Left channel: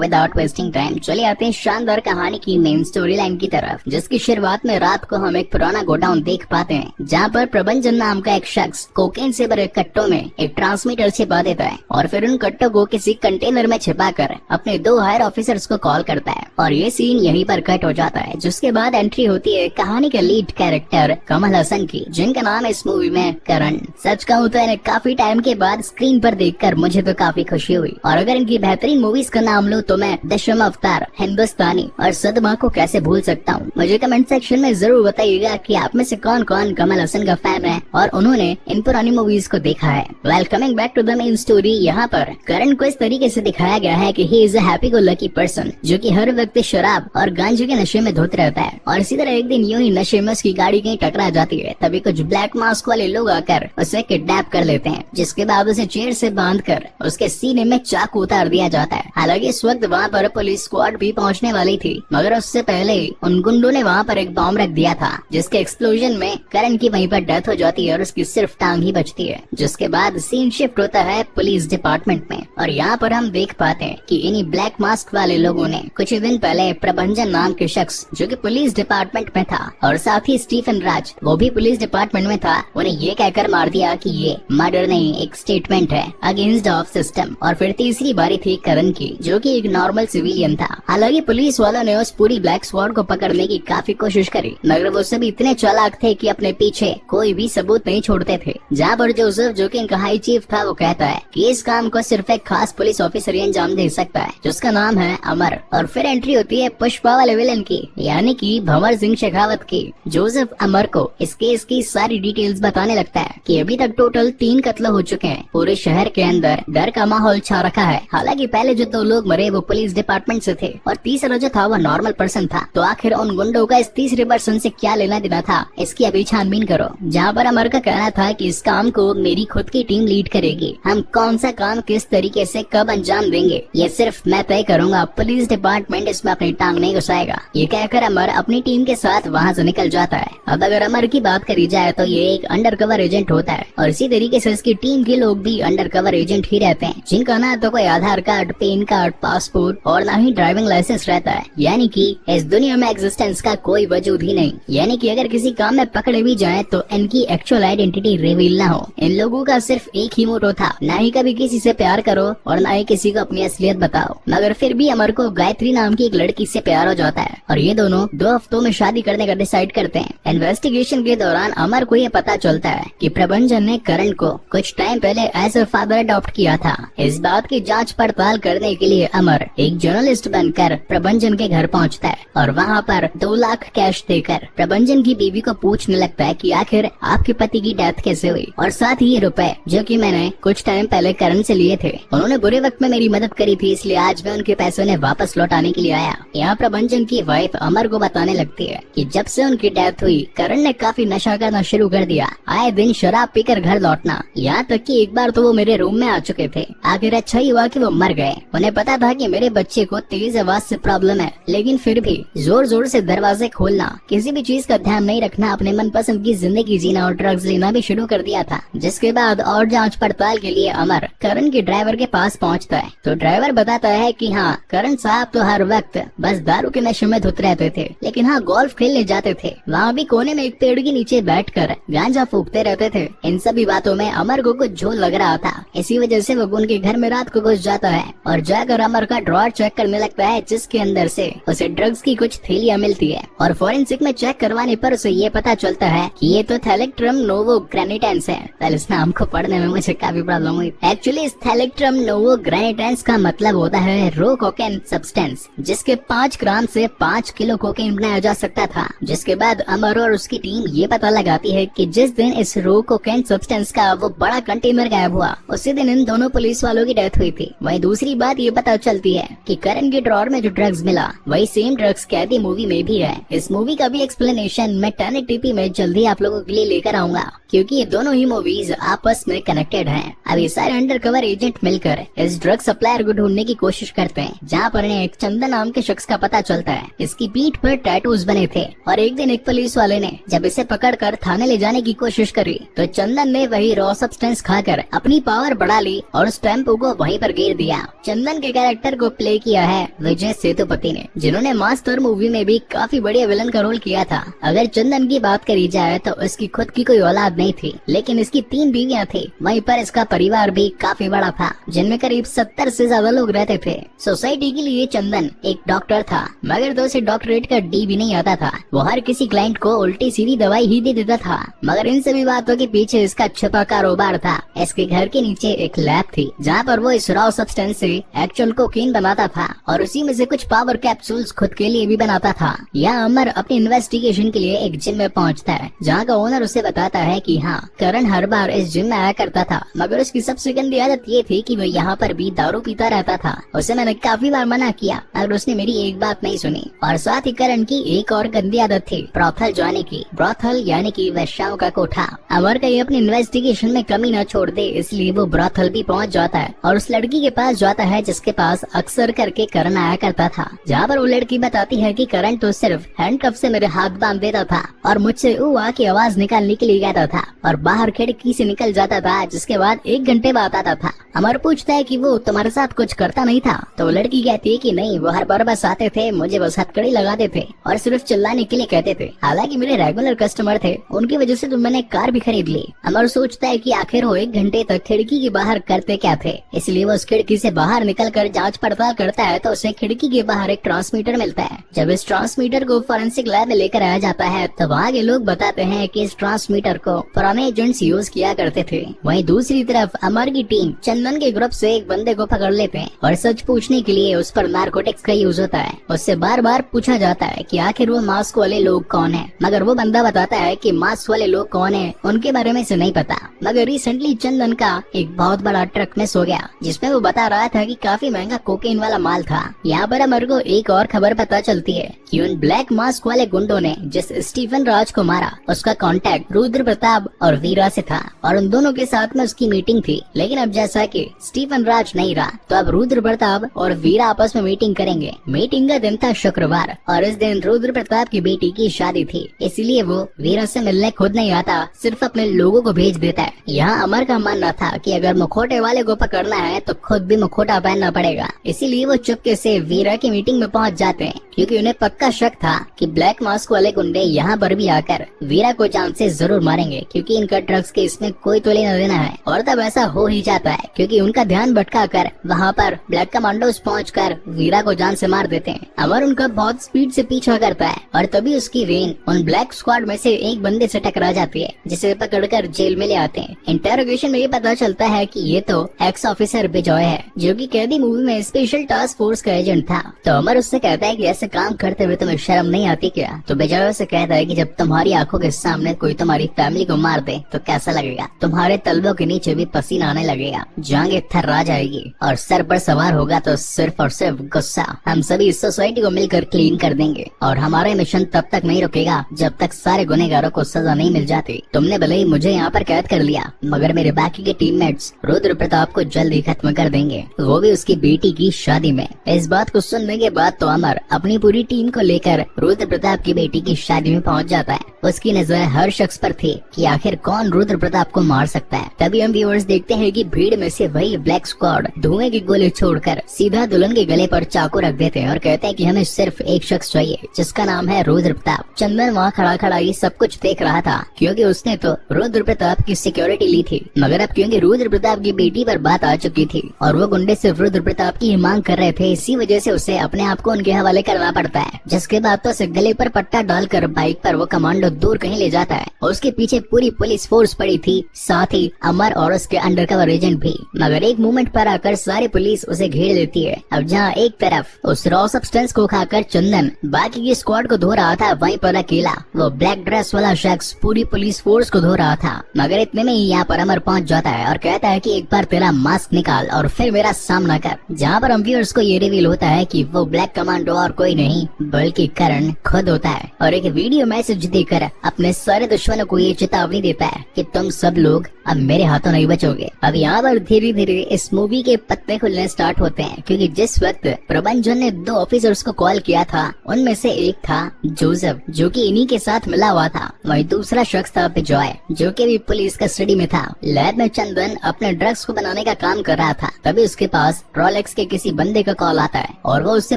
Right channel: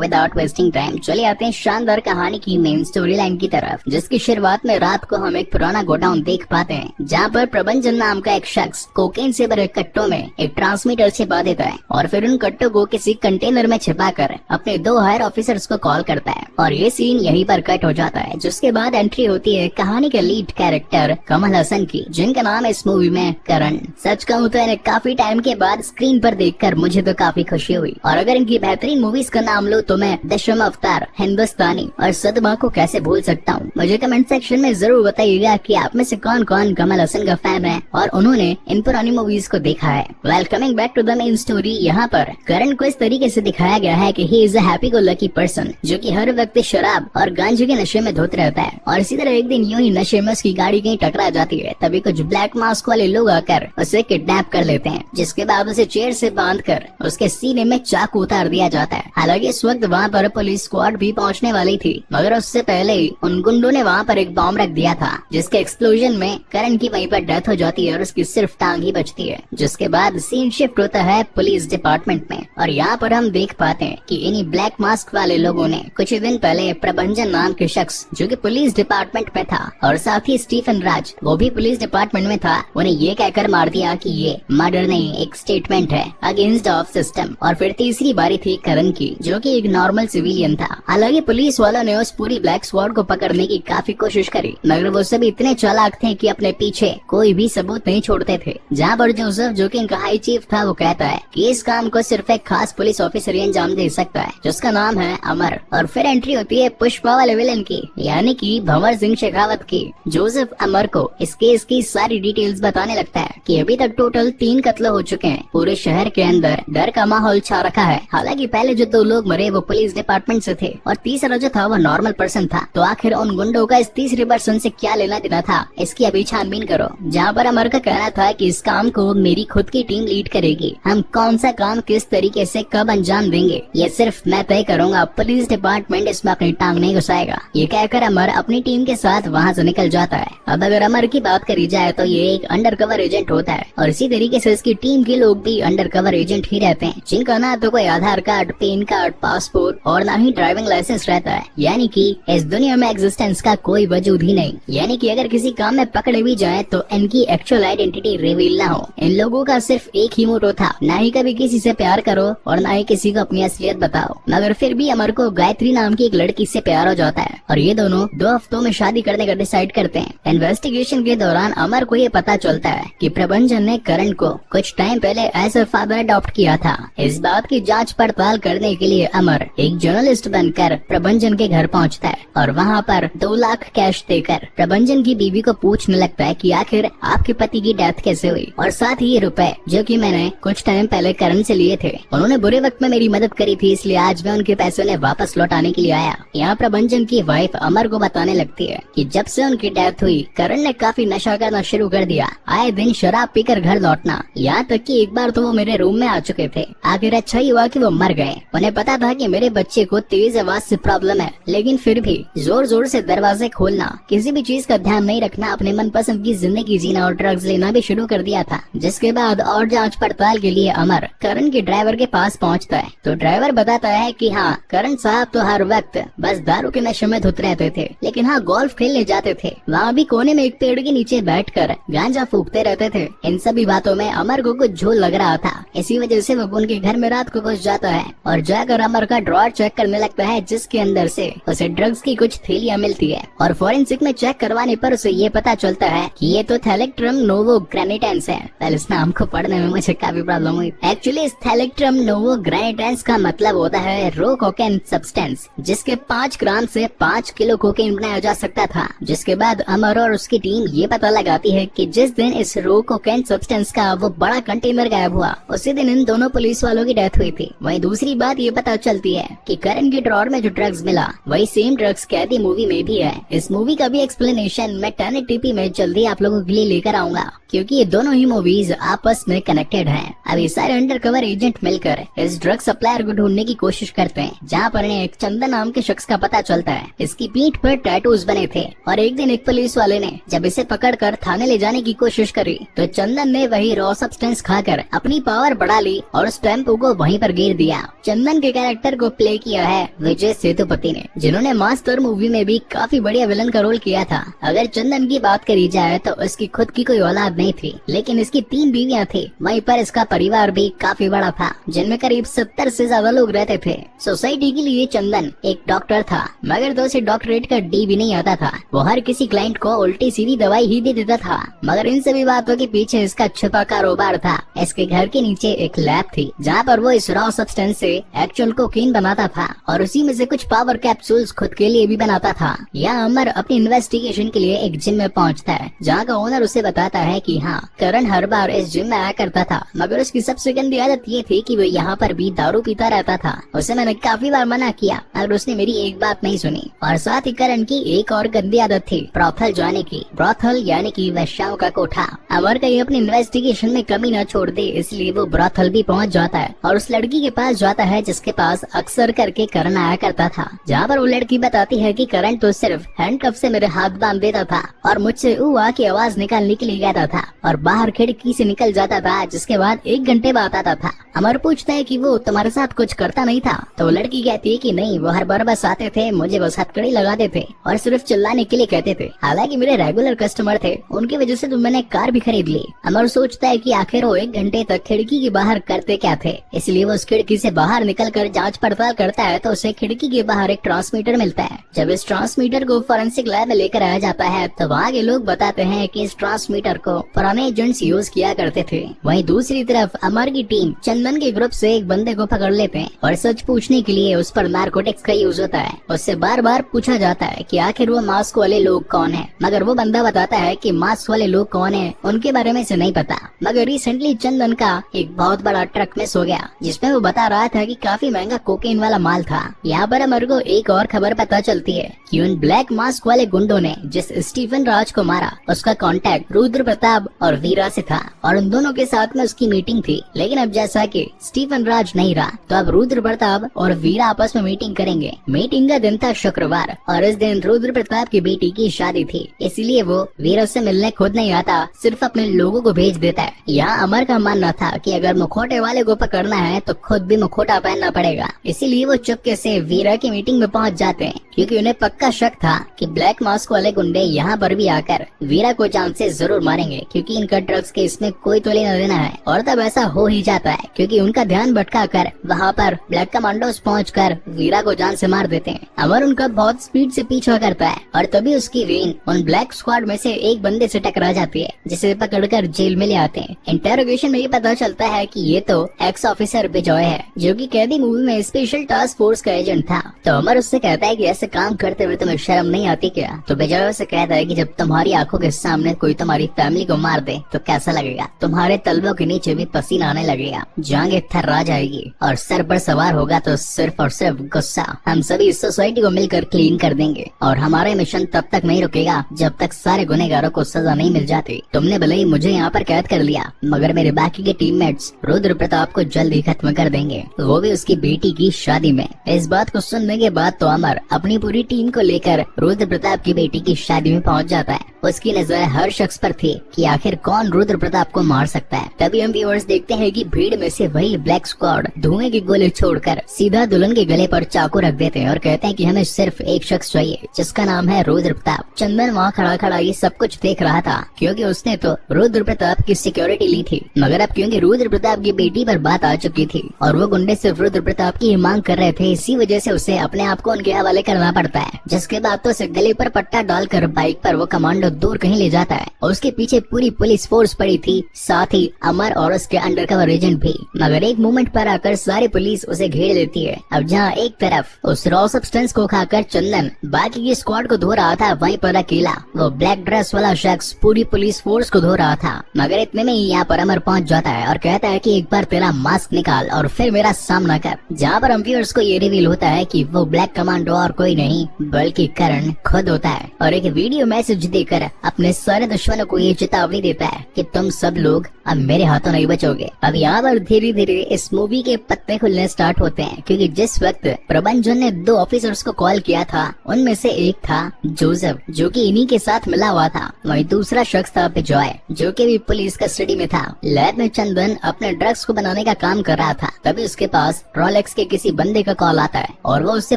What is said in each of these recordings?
Without wasting time चले आते हैं शानदार कहानी की मेन स्टोरी लाइन की तरफ, जिसकी शुरुआत में रात को हम एक पुराना गोडाउन देख पाते हैं, जहाँ पर प्रबंधन नाम का एक शख्स कोकेन से भरे कट्टों में एक ट्रांसमीटर छिपा देता है और फिर उन कट्टों को किसी कंटेनर में छिपाकर अपने 2 हायर ऑफिसर्स को कॉल करता है और ये सीन यहीं पर कट हो जाता है। जिसके बाद एंट्री होती है कहानी के लीड कैरेक्टर कमल हसन की, जिनका नाम है इस मूवी में करण। सच कहूँ तो इन्हें काफी टाइम के बाद स्क्रीन पर देखकर मुझे तो काफी खुशी हुई, और अगर इनकी बेहतरीन मूवीज का नाम लो तो मैं दशम अवतार, हिंदुस्तानी और सदमा को कैसे भूल सकता हूँ। मुझे कमेंट सेक्शन में जरूर बताइएगा कि आप में से कौन कौन कमल हसन का फैन है और उन्होंने इन पुरानी मूवीज को देखा है। Well, coming back to the main story, यहाँ पर करण को इस तरीके से दिखाया गया है कि he is a happy go lucky person, जो कि हर वक्त शराब और गांजे के नशे में धुत रहता है। और इसी तरह एक दिन यूं ही नशे में उसकी गाड़ी कहीं टकरा जाती है, तभी कुछ ब्लैक मास्क वाले लोग आकर उसे किडनैप कर लेते हैं, जिसके बाद उसे चेयर से बांधकर उसके सीने में चाकू उतार दिया जाता है। हालांकि इस वक्त वहाँ पर पुलिस स्क्वाड भी पहुंचने वाली थी, मगर उससे पहले उन गुंडों ने वहाँ पर एक बॉम्ब रख दिया था, जिसके एक्सप्लोजन में करण की वहीं पर डेथ हो जाती है और उसकी सिर्फ टांग ही बचती है। जिसके बाद सीन शिफ्ट होता है पुलिस डिपार्टमेंट में, और यहाँ पर हम देख पाते हैं कि इन्हीं ब्लैक मास्क वाले लोगों ने कुछ दिन पहले प्रबंधन नाम के शख्स, जो कि पुलिस डिपार्टमेंट में था, और साथ ही स्टीफन राज, वो भी पुलिस डिपार्टमेंट में था, उन्हें ये कहकर मार दिया कि ये मर्डर नहीं, एक स्टेटमेंट है अगेंस्ट ऑफ सिस्टम। और फिर तीसरी बारी थी करण की, जो कि एक नॉर्मल सिविलियन था। हालांकि पुलिस वालों ने उस पूरी ब्लैक स्वॉर्ड को पकड़ने की काफी कोशिश करी, मगर वो सभी इतने चालाक थे कि अपने पीछे कोई भी सबूत नहीं छोड़ते थे। जहाँ पर जोसेफ, जो कि इनका हाई चीफ था, वो कहता है कि इस काम को सिर्फ एक खास पुलिस ऑफिसर ही अंजाम दे सकता है, जिसका नाम है अमर। और फिर एंट्री होती है पुष्पा वाले विलन की, यानी कि भंवर सिंह शेखावत की। जोसेफ अमर को इस केस की सारी डिटेल्स बताने लगता है कि अभी तक टोटल 3 कत्ल हो चुके हैं, पूरे शहर के अंदर डर का माहौल छा रखा है। हालांकि पहले जो 2 लोग मरे वो पुलिस डिपार्टमेंट से थे और तीसरा जो था वो नॉर्मल पर्सन था, तो आखिर उन गुंडों का इस तीसरे पर्सन से क्या लेना देना था, इसकी अभी छानबीन करो। जहाँ पर अमर का कहना था कि इस काम को मेरी खुद की टीम लीड करेगी, हम कौन सा काम किस तरीके से कब अंजाम देंगे ये सिर्फ मैं तय करूंगा, पुलिस डिपार्टमेंट इसमें अपनी टांग नहीं घुसाएगा। ये कहकर अमर अपनी टीम के साथ वहाँ से निकल जाता है। अब अगर अमर की बात करी जाए तो ये एक अंडरकवर एजेंट होता है, और इसी तरीके से उसकी टीम के लोग भी अंडरकवर एजेंट ही रहते हैं, जिनका ना तो कोई आधार कार्ड, पैन कार्ड, पासपोर्ट और ना ही ड्राइविंग लाइसेंस रहता है। यानी कि इस दुनिया में एग्जिस्टेंस का कोई वजूद ही नहीं। यानी कि अगर किसी काम में पकड़े भी जाएं तो इनकी एक्चुअल आइडेंटिटी रिवील ना हो। इन लोगों का सिर्फ एक ही मोटो था, ना ही कभी किसी से प्यार करो और ना ही किसी को अपनी असलियत बताओ। मगर फिर भी अमर को गायत्री नाम की एक लड़की से प्यार हो जाता है और ये दोनों 2 हफ्तों में शादी करने का डिसाइड करते हैं। इन्वेस्टिगेशन के दौरान अमर को ये पता चलता है कि प्रबंधन ने करण को कुछ टाइम पहले एज अ फादर अडॉप्ट किया था। इस बात की जाँच पड़ताल करने के लिए अमर एक जर्नलिस्ट बनकर प्रबंधन के घर पहुंचता है और वहां पर 2 लाख कैश देकर प्रबंधन की बीवी को पूछने लगता है कि आखिर आपके पति की डेथ कैसे हुई, और साथ ही ये रुपए जो कि मैंने कुछ टाइम पहले करण से लिए थे, उन्होंने बुरे वक्त में मेरी मदद करी थी, इसलिए आज मैं उनके पैसे उन्हें वापस लौटाने के लिए आया। यहाँ प्रबंधन की वाइफ अमर को बताने लगती है कि जब से उनकी डेथ हुई करण ने काफी नशा करना शुरू कर दिया, आए दिन शराब पीकर घर लौटना, यहाँ तक कि एक बार तो वो मेरे रूम में आ चुके थे। आखिर अच्छा ही हुआ कि वो मर गए। उन्हें पता था कि मेरे बच्चे को तेज आवाज से प्रॉब्लम है, लेकिन फिर भी जोर जोर से दरवाजे खोलना, किसी भी चीज का ध्यान नहीं रखना, अपने मनपसंद की जिंदगी जीना और ड्रग्स लेना भी शुरू कर दिया था। जिसके बाद और जांच पड़ताल के लिए अमर करण के ड्राइवर के पास पहुंचता है, तो ड्राइवर बताता है कि हाँ, करण साहब तो हर वक्त बस दारू के नशे में धुत रहते थे, लेकिन हाँ, गोल्फ खेलने जाते थे, वहाँ भी कोने में एक पेड़ के नीचे बैठकर गांजा फूकते रहते थे। इन सभी बातों में अमर को कुछ झोल लग रहा था, इसी वजह से वो उनके घर में रात को घुस जाता है और जाकर अमर का ड्रॉअर चेक करने लगता है, जिसके अंदर से उसे ड्रग्स की कुछ थैलियां मिलती है। और फोरेंसिक में चेक करवाने पर उसे ये पता चलता है कि ये तो थैलेक्ट्रम नोवोग्रेनिटेंस है। इस नाम को पढ़ने में मुझे काफी प्रॉब्लम हुई। एक्चुअली इस थैलेक्ट्रम नोवोग्रेनिटेंस का मतलब होता है रो कोकेन सब्सटेंस, जिसके 5 ग्राम से 5 किलो कोकेन बनाया जा सकता था। जिसके बाद अमर और उसकी टीम ये पता लगाती है कि जिस दिन इस रो कोकेन सब्सटेंस का वो बड़ा कंटेनर गायब हुआ, उसी दिन इन दोनों पुलिस वालों की डेथ हुई थी। वहीं दूसरी बात ये पता चलती है कि करण के ड्रॉअर में जो ड्रग्स मिला वही सेम ड्रग्स कैदी मूवी में भी है। इस मूवी का भी एक्सप्लेनेशन मैं टर्न टीपी में जल्दी आप लोगों के लिए लेकर आऊंगा, क्योंकि ये दोनों ही मूवीज आपस में कनेक्टेड हैं। अब ये सारे अंडरकवर एजेंट मिलकर इस ड्रग सप्लायर को ढूंढने की कोशिश करते हैं, जहाँ पर इन्हें एक चंदन नाम के शख्स का पता चलता है। इसकी पीठ पर टैटूज बने थे और एक दिन एक पुलिस वाले ने जब इसे पकड़कर थाने ले जाने की कोशिश करी तो चंदन ने वही रॉ सब्सटेंस खाकर अपनी पावर बढ़ा ली और उस टेम्पो को वहीं पर गिर दिया। चंदन के कैरेक्टर डॉक्टर को प्ले किया है विजय सेतुपति ने, जिन्होंने मास्टर मूवी में भी काफी बढ़िया विलन का रोल किया था। अगर चंदन की बात करी जाए तो उसकी खुद की कोई औलाद नहीं थी, लेकिन इसकी 3 बीवियां थी। वहीं पर इसका परिवार भी काफी बड़ा था, जिनमें करीब 70 से ज्यादा लोग रहते थे। सोसाइटी के लिए चंदन एक डॉक्टर था, मगर तो उसे डॉक्टरेट का डी भी नहीं आता था। वो हर किसी क्लाइंट को उल्टी सीधी दवाई ही दे देता था। मगर इन सभी बातों के पीछे इसका छुपा कारोबार था। इसके घर के नीचे एक लैब थी, जहाँ पर वो इस रॉ सब्सटेंस से एक्चुअल कोकीन बनाता था और उसी में से कुछ पावर कैप्सूल्स खुद के लिए भी बनाता था। यहाँ अमर अपने इन्वेस्टिगेशन के लिए एक जिम में पहुँचता है, जहाँ का ओनर उसे बताता है कि हाँ, करण हर बार इस जिम में आया करता था, मगर उसकी सबसे गंदी आदत ये थी कि वो यहाँ पर भी दारू पीता रहता था। उसे मैंने काफी बार मना किया, मगर उसने मेरी एक बात नहीं सुनी। और साथ ही करण की एक और गंदी आदत थी ब्रॉथल जाने की। ब्रॉथल यानी कि वेश्याओं का कोठा। अमर कहीं अपने इन्वेस्टिगेशन में कमी न छोड़ दे, इसलिए वो ब्रॉथल भी पहुंच जाता है और उस लड़की के पास जाता है जिसके पास अक्सर करके करण आया करता था। जहाँ पर वो लड़की बताती है कि करण तो सिर्फ हैंडकफ से मेरे हाथ बांध देता था और मुझसे उआ की आवाज निकालने के लिए कहता था और बाहर खिड़की से निकल जाता था, जिसके बाद 1 घंटे बाद आता था। अमर पूछता है कि वो तुम्हारे साथ कुछ करता नहीं था, तो वो लड़की कहती है कि नहीं, वो हर बार बस आते थे, मुझे बस हथकड़ी लगाते थे और सिर्फ चिल्लाने के लिए कहते थे। हालांकि मेरे रेगुलर कस्टमर थे, उनकी वजह से तो मैंने कार भी खरीद ली। अमर सोचता है कि आखिर वो 1 घंटे तक खिड़की के बाहर करते क्या थे, इसलिए वो उस खिड़की से बाहर निकल कर जाँच पड़ताल करता है तो उसे खिड़की के बाहर एक ट्रांसमीटर मिलता है। जब इस ट्रांसमीटर को फोरेंसिक लैब में लेकर आया जाता है तो वहाँ के लोग बताते हैं कि इस ट्रांसमीटर को पुराने एजेंट्स यूज किया करते थे। वहीं दूसरी तरफ अमर की टीम चंदन के ग्रुप से एक बंदे को पकड़ लेते हैं और सच पूछने के लिए उस पर नारकोटिक्स का यूज होता है। उससे बार बार पूछा जाता है कि आखिर वो मास्क वाले लोग कौन है, मगर वो बंदा बताता है कि मास्क वाले लोग कौन है उनके बारे में से नहीं पता। मगर रिसेंटली चंदन का एक बहुत बड़ा ट्रक मिस हो गया, जिसमें वो बता रहा था कि काफी महंगा कोकेन वाला माल था। यहाँ पर अमर को एक और खबर पता चलती है कि उन ब्लैक मास्क वाले गुंडों ने जिस स्टीफन राज को मारा, उसका कांटेक्ट रुद्र प्रताप और वीरा से था और उन दोनों के साथ में उसकी मीटिंग थी। लेकिन अब जैसा कि स्टीफन राज नहीं रहा, तो अब रुद्र प्रताप और वीरा आपस में मीटिंग करेंगे। मीटिंग का दिन था शुक्रवार और इस दिन रुद्र प्रताप की बेटी की शादी थी, इसलिए वो वीरा से मिलने खुद नहीं आता, सिर्फ अपने लोगों को भेज देता है। यहाँ अमर का मानना था कि अगर मुखौटे वाले को पकड़ना है तो खुद भी मुखौटा पहनना पड़ेगा, इसीलिए वो चुपके से वीरा की मीटिंग में पहुँच जाते हैं, क्योंकि उन्हें पक्का शक था कि ब्लैक मास्क वाले गुंडे यहाँ पर भी आकर वीरा को जान से जरूर मारेंगे, क्योंकि इनका ड्रग्स के इसमें कोई तो लेना देना है। और तब ऐसा हो ही जाता है, क्योंकि उनका ध्यान भटका कर वहाँ पर ब्लैक कमांडोज पहुंचकर वीरा को जान से मार देते हैं। अमर उनका बहुत स्पीड से पीछा करता है और तभी उसकी वेन उन ब्लैक स्क्वाड में से एक बंदे से टकरा जाती है, जिसे पकड़कर जेल में ले आते हैं। इंटेरोगेशन में ये पता चलता है कि ये तो एक्स ऑफिसर बिजॉय है, जो कि कैदी मूवी में स्पेशल टास्क फोर्स का एजेंट था। तो अमर उससे कहता है कि ऐसे काम करते हुए तुम्हें शर्म नहीं आती क्या? तो बिजॉय से कहता है कि जब तुम्हारी आंखों के सामने कोई तुम्हारी फैमिली को मार दे तो कैसा लगेगा? तुम्हारे तलवों के नीचे भी पसीना आने लगेगा, जांघें थर्रा जाएगी और सर पर सवार होगा तो सिर्फ और सिर्फ गुस्सा। हम सभी इस सोसाइटी को मिलकर क्लीन कर देंगे और हमारा मिशन तब तक नहीं रुकेगा जब तक सारे गुनहगारों को सजा नहीं मिल जाती। तुमने भले ही मुझे यहाँ पर कैद कर लिया, मगर मेरे बाकी के टीममेट्स रुद्र प्रताप को जल्द ही खत्म कर देंगे, वो भी उसकी बेटी की शादी में। इस बात को सुनने के बाद तो अमर अपनी पूरी टीम को लेकर रुद्र प्रताप की बेटी की शादी में पहुँच जाता है। उसकी नजर हर शख्स पर थी कि आखिर कौन रुद्र प्रताप को मार सकता है। तभी हम व्यूअर्स देखते हैं कि भीड़ में से वही ब्लैक स्क्वाड धुएं के गोले छोड़कर सीधा दुल्हन के गले पर चाकू रख देते हैं और कहते हैं कि हमें सिर्फ एक शख्स चाहिए, जिसका नाम है रुद्र प्रताप। चंदन वहाँ खड़ा खड़ा ये सब कुछ देख रहा था, क्योंकि उसने तो रुद्र प्रताप की सिक्योरिटी ली थी। मगर अब क्योंकि रुद्र प्रताप की बेटी पर बात आ चुकी थी और वो गुंडे सिर्फ रुद्र प्रताप की मांग कर रहे थे, इसी वजह से उसे अपने आप को उनके हवाले करना पड़ता है। जिसके बाद तो उसे गले पर पट्टा डालकर बाइक पर वो कमांडो दूर कहीं ले जाता है और उसके पीछे पूरी पुलिस फोर्स पड़ी थी, साथ ही अमर और उसके अंडरकवर एजेंट भी। मगर एक मोमेंट पर आकर सारी पुलिस उसे घेर लेती है। अब जहाँ एक तरफ उस रॉ सब्सटेंस को खाकर चंदन बाकी की स्क्वाड को धो रहा था, वहीं पर अकेला वो ब्लैक ड्रेस वाला शख्स पूरी पुलिस फोर्स को धो रहा था। मगर इतने में यहाँ पर अमर पहुँच जाता है और कहता है कि एक बार तेरा मास्क निकाल और फिर मेरा सामना कर। जहाँ पर हम व्यूअर्स को ये रिवील होता है कि वो ब्लैक कमांडो और कोई नहीं बल्कि करण खुद होता है और एक वीडियो मैसेज देकर देखकर अपने सारे दुश्मनों को ये चेतावनी देता है कि तुम सब लोग अब मेरे हाथों नहीं बचोगे। अब यहाँ पर धीरे धीरे इस मूवी के पत्ते खुलने स्टार्ट होते हैं, क्योंकि जिस वक्त प्रबंधन ने 2 ऑफिसर्स को कॉल किया था उनमें से एक था जोसेफ, जो कि इन्हीं के साथ मिला हुआ था। वही दूसरा शख्स था बिजॉय, जो कि भी पुलिस कस्टडी में था। लैब में चंदन अपने ड्रग्स को बनाने का काम कर रहा था, तभी उसके पास रोलेक्स के किसी बंदे का कॉल आता है और वो उससे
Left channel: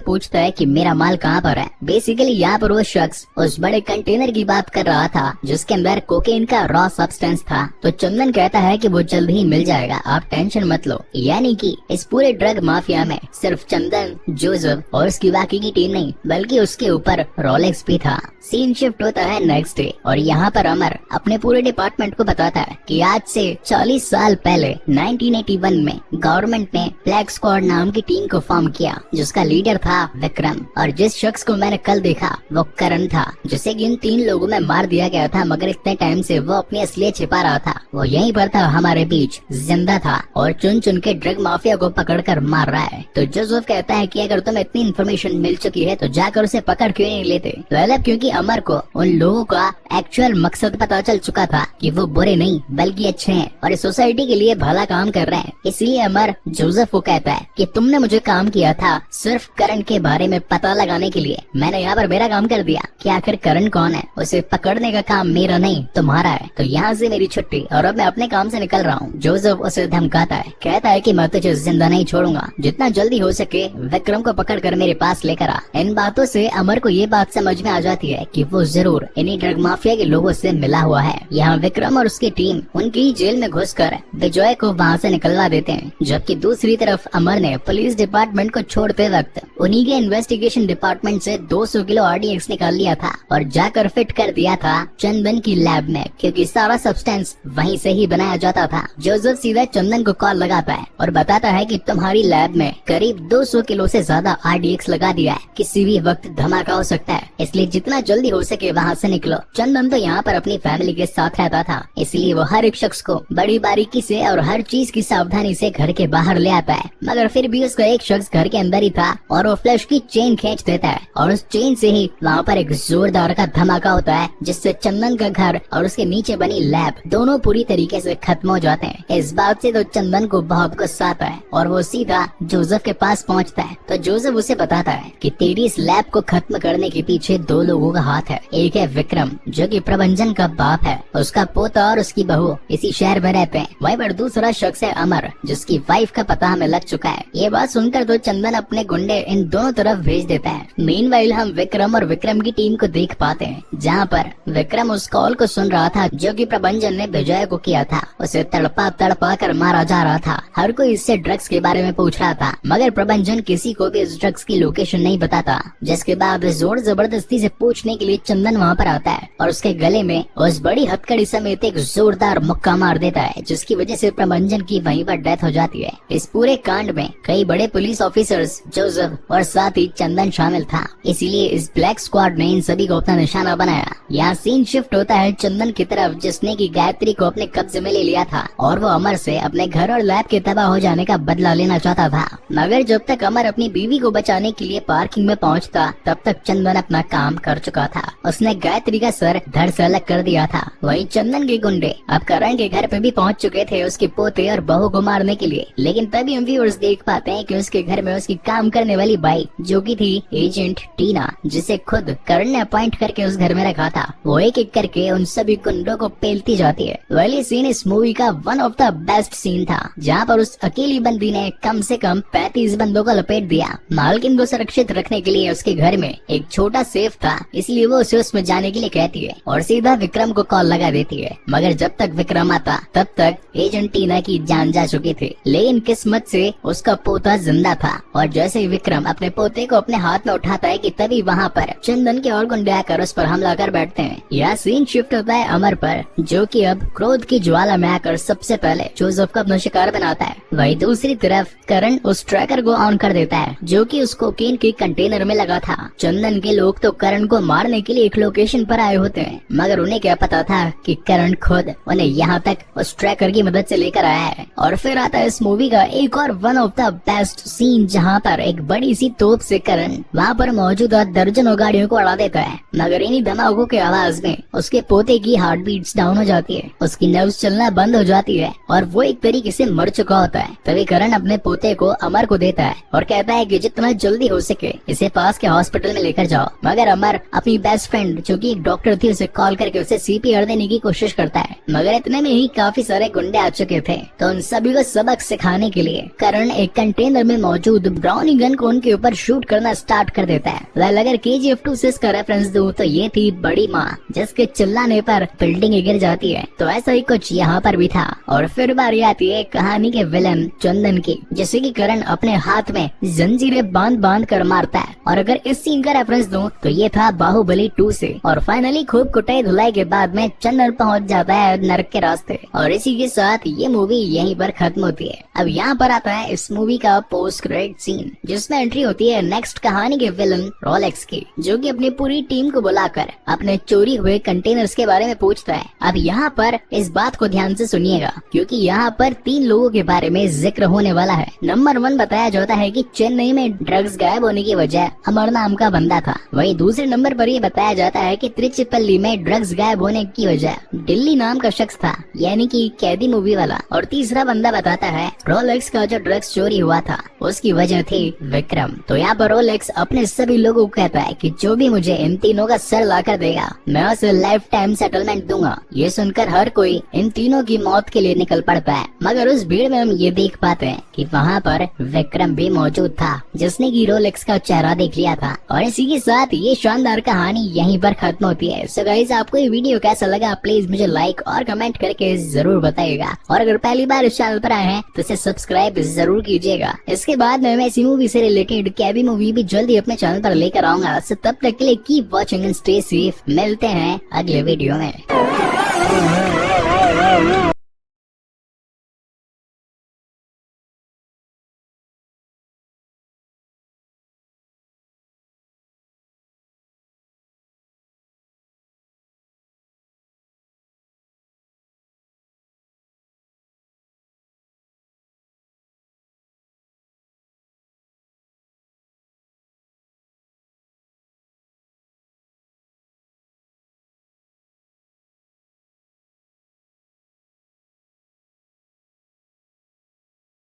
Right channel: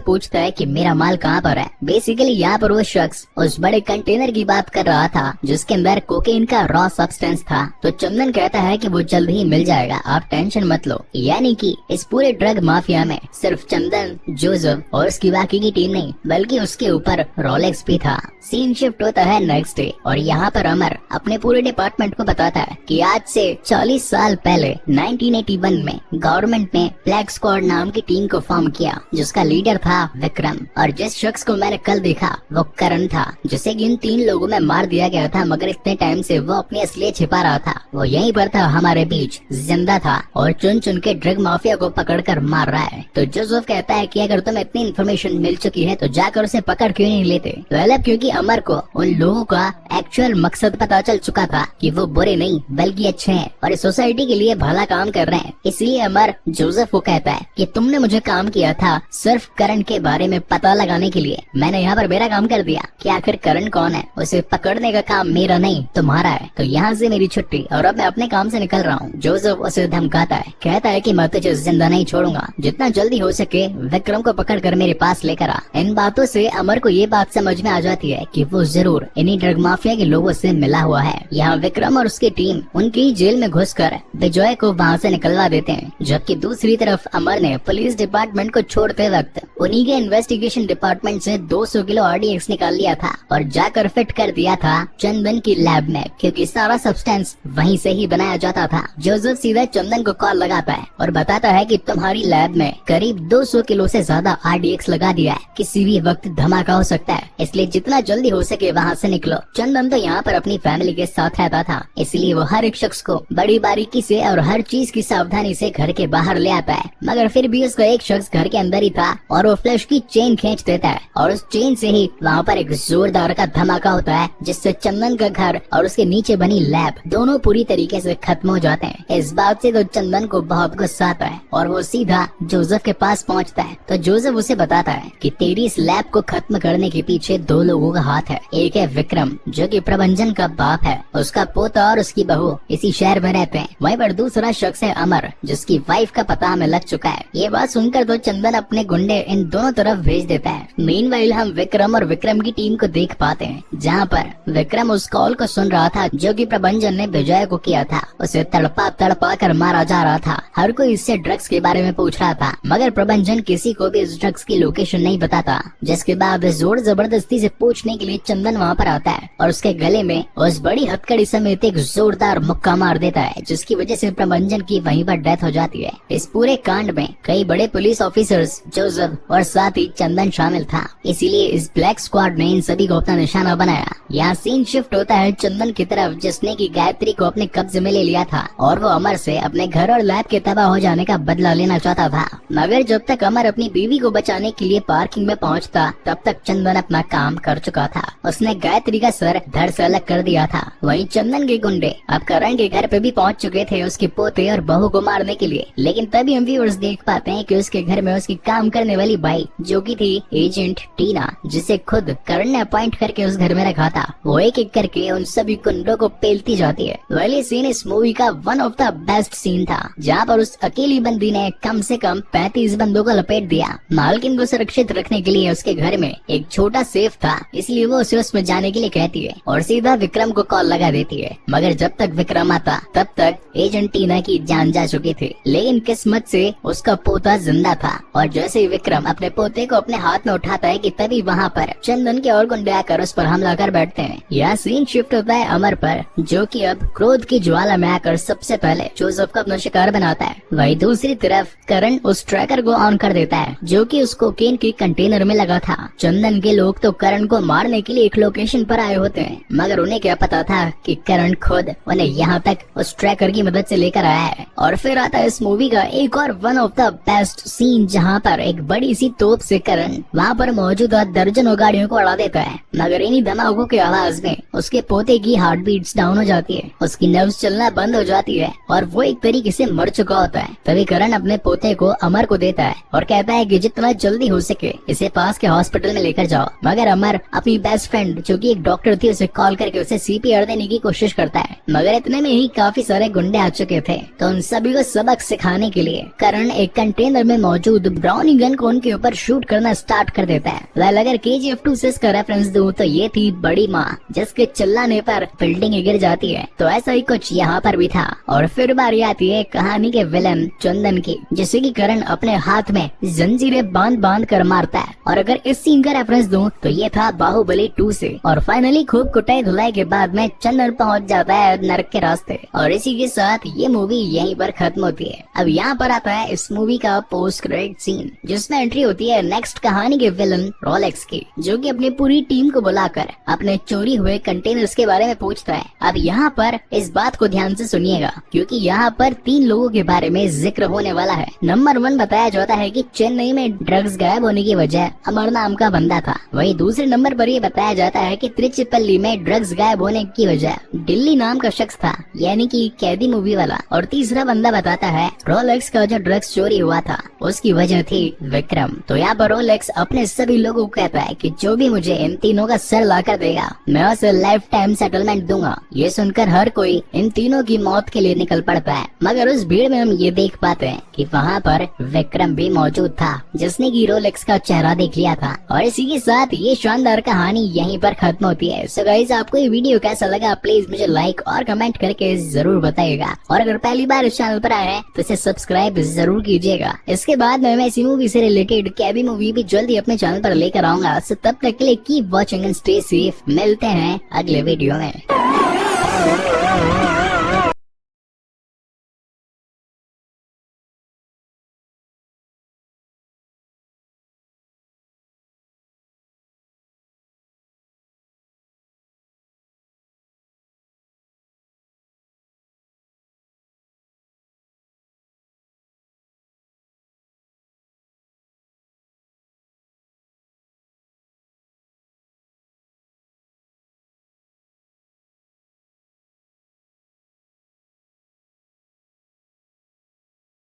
पूछता है कि मेरा माल कहाँ पर है। बेसिकली यहाँ पर वो शख्स उस बड़े कंटेनर की बात कर रहा था जिसके अंदर कोकेन का रॉ सब्सटेंस था। तो चंदन कहता है कि वो जल्द ही मिल जाएगा, आप टेंशन मत लो। यानी कि इस पूरे ड्रग माफिया में सिर्फ चंदन, जोसेफ और उसकी बाकी की टीम नहीं, बल्कि उसके ऊपर रोलेक्स भी था। सीन शिफ्ट होता है नेक्स्ट डे और यहाँ पर अमर अपने पूरे डिपार्टमेंट को बताता है कि आज से 40 साल पहले 1981 में गवर्नमेंट ने ब्लैक स्क्वाड नाम की टीम को फॉर्म किया, जिसका लीडर था विक्रम। और जिस शख्स को मैंने कल देखा वो करण था, जिसे इन 3 लोगों में मार दिया गया था, मगर इतने टाइम से वो अपनी असलियत छिपा रहा था। वो यहीं पर था, हमारे बीच जिंदा था और चुन चुन के ड्रग माफिया को पकड़ कर मार रहा है। तो जोसेफ कहता है कि अगर तुम्हें इतनी इन्फॉर्मेशन मिल चुकी है तो जाकर उसे पकड़ क्यों नहीं लेते। मतलब क्योंकि अमर को उन लोगों का एक्चुअल मकसद पता चल चुका था कि वो बुरे नहीं बल्कि अच्छे हैं और इस सोसाइटी के लिए भला काम कर रहे हैं। इसलिए अमर जोसेफ को कहता है कि तुमने मुझे काम किया था सिर्फ करण के बारे में पता लगाने के लिए, मैंने यहाँ पर मेरा काम कर दिया कि आखिर करण कौन है, उसे पकड़ने का काम मेरा नहीं तुम्हारा है। तो यहाँ से मेरी छुट्टी और अब मैं अपने काम से निकल रहा हूँ। जोसेफ उसे धमकाता है, कहता है कि मैं तुझे जिंदा नहीं छोड़ूंगा, जितना जल्दी हो सके विक्रम को पकड़ कर मेरे पास लेकर आ। इन बातों से अमर को ये बात समझ में आ जाती है कि वो जरूर इन्हीं ड्रग माफिया के लोगों से मिला हुआ है। यहाँ विक्रम और उसकी टीम उनकी जेल में घुसकर विजय को वहाँ से निकलवा देते हैं, जबकि दूसरी तरफ अमर ने पुलिस डिपार्टमेंट को छोड़ते वक्त उन्हीं के इन्वेस्टिगेशन डिपार्टमेंट से 200 किलो RDX निकाल लिया था और जाकर फिट कर दिया था चंदन की लैब में, क्योंकि सारा सब्सटेंस वहीं से ही बनाया जाता था। जोसेफ सीधा चंदन को कॉल लगाता है और बताता है कि तुम्हारी लैब में करीब 200 किलो से ज्यादा RDX लगा दिया है, किसी भी वक्त धमाका हो सकता है, इसलिए जितना जल्दी हो सके वहाँ से निकलो। चंदन तो यहाँ पर अपनी फैमिली के साथ रहता था, इसलिए वो हर एक शख्स को बड़ी बारीकी से और हर चीज की सावधानी से घर के बाहर ले आता है, मगर फिर भी उसका एक शख्स घर के अंदर ही था और वो फ्लैश की चेन खींच देता है और उस चेन से ही वहाँ पर एक जोरदार का धमाका होता है, जिससे चंदन का घर और उसके नीचे बनी लैब दोनों पूरी तरीके से खत्म हो जाते हैं। इस बात से तो चंदन को बहुत गुस्सा आता है और वो सीधा जोसेफ के पास पहुँचता है। तो जोसेफ उसे बताता है कि तेरी इस लैब को खत्म करने के पीछे 2 लोगों का हाथ है। एक है विक्रम, जो कि प्रबंधन का बाप है, उसका पोता और उसकी बहू इसी शहर में रहते हैं। वहीं पर दूसरा शख्स है अमर, जिसकी वाइफ का पता हमें लग चुका है। ये बात सुनकर तो चंदन अपने गुंडे इन दोनों तरफ भेज देता है। मीनवाइल हम विक्रम और विक्रम की टीम को देख पाते हैं, जहाँ पर विक्रम उस कॉल को सुन रहा था जो कि प्रबंधन ने विजय को किया था। उसे तड़पा तड़पा कर मारा जा रहा था। हर कोई इससे ड्रग्स के बारे में पूछ रहा था, मगर प्रबंधन किसी को भी इस ड्रग्स की लोकेशन नहीं बताता। जिसके बाद जोर जबरदस्ती से पूछने के लिए चंदन वहाँ पर आता है और उसके गले में उस बड़ी हथकड़ी समेत एक जोरदार मुक्का मार देता है, जिसकी वजह से प्रबंधन की वहीं पर डेथ हो जाती है। इस पूरे कांड में कई बड़े पुलिस ऑफिसर्स, जोसेफ और साथ ही चंदन शामिल था, इसीलिए इस ब्लैक स्क्वाड ने इन सभी को अपना निशाना बनाया। यहाँ सीन शिफ्ट होता है चंदन की तरफ, जिसने की गायत्री को अपने कब्जे में ले लिया था और वो अमर से अपने घर और लैब के तबाह हो जाने का बदला लेना चाहता था। मगर जब तक अमर अपनी बीवी को बचाने के लिए पार्किंग में पहुँचता, तब तक चंदन अपना काम कर चुका था। उसने गायत्री का सर धड़ से अलग कर दिया था। वहीं चंदन के गुंडे अब करण के घर पे भी पहुंच चुके थे उसके पोते और बहू को मारने के लिए। लेकिन तभी हम व्यूअर्स देख पाते हैं कि उसके घर में उसकी काम करने वाली बाई, जो की थी एजेंट टीना, जिसे खुद करण ने अपॉइंट करके उस घर में रखा था, वो एक एक करके उन सभी गुंडों को पेलती जाती है। वाली सीन इस मूवी का one of the best scene था, जहाँ पर उस अकेली बंदी ने कम से कम 35 बंदों को लपेट दिया। मालकिन को सुरक्षित रखने के लिए उसके घर में एक छोटा सेफ था, इसलिए वो उसे उसमें जाने के लिए कहती है और सीधा विक्रम को कॉल लगा देती है। मगर जब तक विक्रम आता तब तक एजेंट टीना की जान जा चुकी थी। लेकिन किस्मत से उसका पोता जिंदा था और जैसे ही विक्रम अपने पोते को अपने हाथ में उठाता है कि तभी वहाँ पर चंदन के और गुंडे आकर उस पर हमला कर बैठते हैं। यह सीन शिफ्ट होता है अमर पर, जो कि अब क्रोध की ज्वाला में आकर सबसे पहले जोसेफ को अपना शिकार बनाता है। वहीं दूसरी तरफ करण उस ट्रैकर को ऑन कर देता है, जो कि उस कोकेन के कंटेनर में लगा था। चंदन के लोग तो करण को मारने के लिए एक लोकेशन पर आए होते हैं, मगर उन्हें क्या पता था कि करण खुद उन्हें यहाँ तक उस ट्रैकर की मदद से लेकर आया है। और फिर आता है इस मूवी का एक और one of the best scene, जहाँ पर एक बड़ी सी तोप से करण वहाँ पर मौजूद दर्जनों गाड़ियों को उड़ा देता है। मगर इन्हीं धमाकों के की आवाज में उसके पोते की हार्ट बीट्स डाउन हो जाती है, उसकी नर्व्स चलना बंद हो जाती है और वो एक तरीके से मर चुका होता है। तभी करण अपने पोते को अमर को देता है और कहता है कि जितना जल्दी हो सके इसे पास के हॉस्पिटल में लेकर जाओ। मगर अमर अपनी बेस्ट फ्रेंड जो कि एक डॉक्टर थी उसे कॉल करके उसे सीपीआर देने की कोशिश करता है। मगर इतने में ही काफी सारे गुंडे आ चुके थे, तो उन सभी को सबक सिखाने के लिए करण एक कंटेनर में मौजूद ब्राउनी गन को उनके ऊपर शूट करना स्टार्ट कर देता है। अगर KGF 2 से इसका रेफरेंस दूं तो ये थी बड़ी माँ जिसके चिल्लाने पर बिल्डिंग गिर जाती है। तो ऐसा ही कुछ यहाँ पर भी था। और फिर बारी आती है कहानी के विलन चंदन की, जिसे कि करण अपने हाथ में जंजीरें बांध बांध कर मारता है। और अगर इस सीन का रेफरेंस दूं तो ये था बाहुबली 2 से। और फाइनली खूब कुटाई धुलाई के बाद में चंदन पहुँच जाता है नरक के रास्ते। और इसी के साथ ये मूवी यहीं पर खत्म होती है। अब यहाँ पर आता है इस मूवी का पोस्ट क्रेडिट सीन, जिसमें एंट्री होती है नेक्स्ट कहानी के विलन रोलेक्स की, जो कि अपनी पूरी टीम को बुलाकर अपने चोरी हुए कंटेनर्स के बारे में पूछता है। अब यहाँ पर इस बात को ध्यान से सुनिएगा, क्योंकि यहाँ पर 3 लोगों के बारे में जिक्र होने वाला है। नंबर 1 बताया जाता है कि चेन्नई में ड्रग्स गायब होने की वजह अमर नाम का बंदा था। वहीं दूसरे नंबर पर ये बताया जाता है कि त्रिचिपल्ली में ड्रग्स गायब होने की वजह दिल्ली नाम का शख्स था, यानी कि कैदी मूवी वाला। और तीसरा बंदा बताता है रोलेक्स का जो ड्रग्स चोरी हुआ था उसकी वजह थी विक्रम। तो यहाँ पर रोलेक्स अपने सभी लोगों को कहता है कि जो भी मुझे इन तीनों का सर लाकर देगा मैं उसे लाइफ टाइम सेटलमेंट दूंगा। ये सुनकर हर कोई इन तीनों की मौत के लिए निकल पड़ता है। मगर उस भीड़ में हम ये देख पाते हैं कि वहाँ पर विक्रम भी मौजूद था, जिसने की रोलेक्स का चेहरा देख लिया था। और इसी के साथ ये शानदार कहानी यहीं पर खत्म होती है। सो गाइस, आपको ये वीडियो कैसा लगा प्लीज मुझे लाइक और कमेंट करके जरूर बताइएगा। और अगर पहली बार इस चैनल पर आए हैं तो इसे सब्सक्राइब जरूर कीजिएगा। इसके बाद मैं इसी मूवी से रिलेटेड कैबी मूवी भी जल्दी अपने चैनल पर लेकर आऊंगा। तब तक के लिए keep watching and stay safe. मिलते हैं अगले वीडियो में।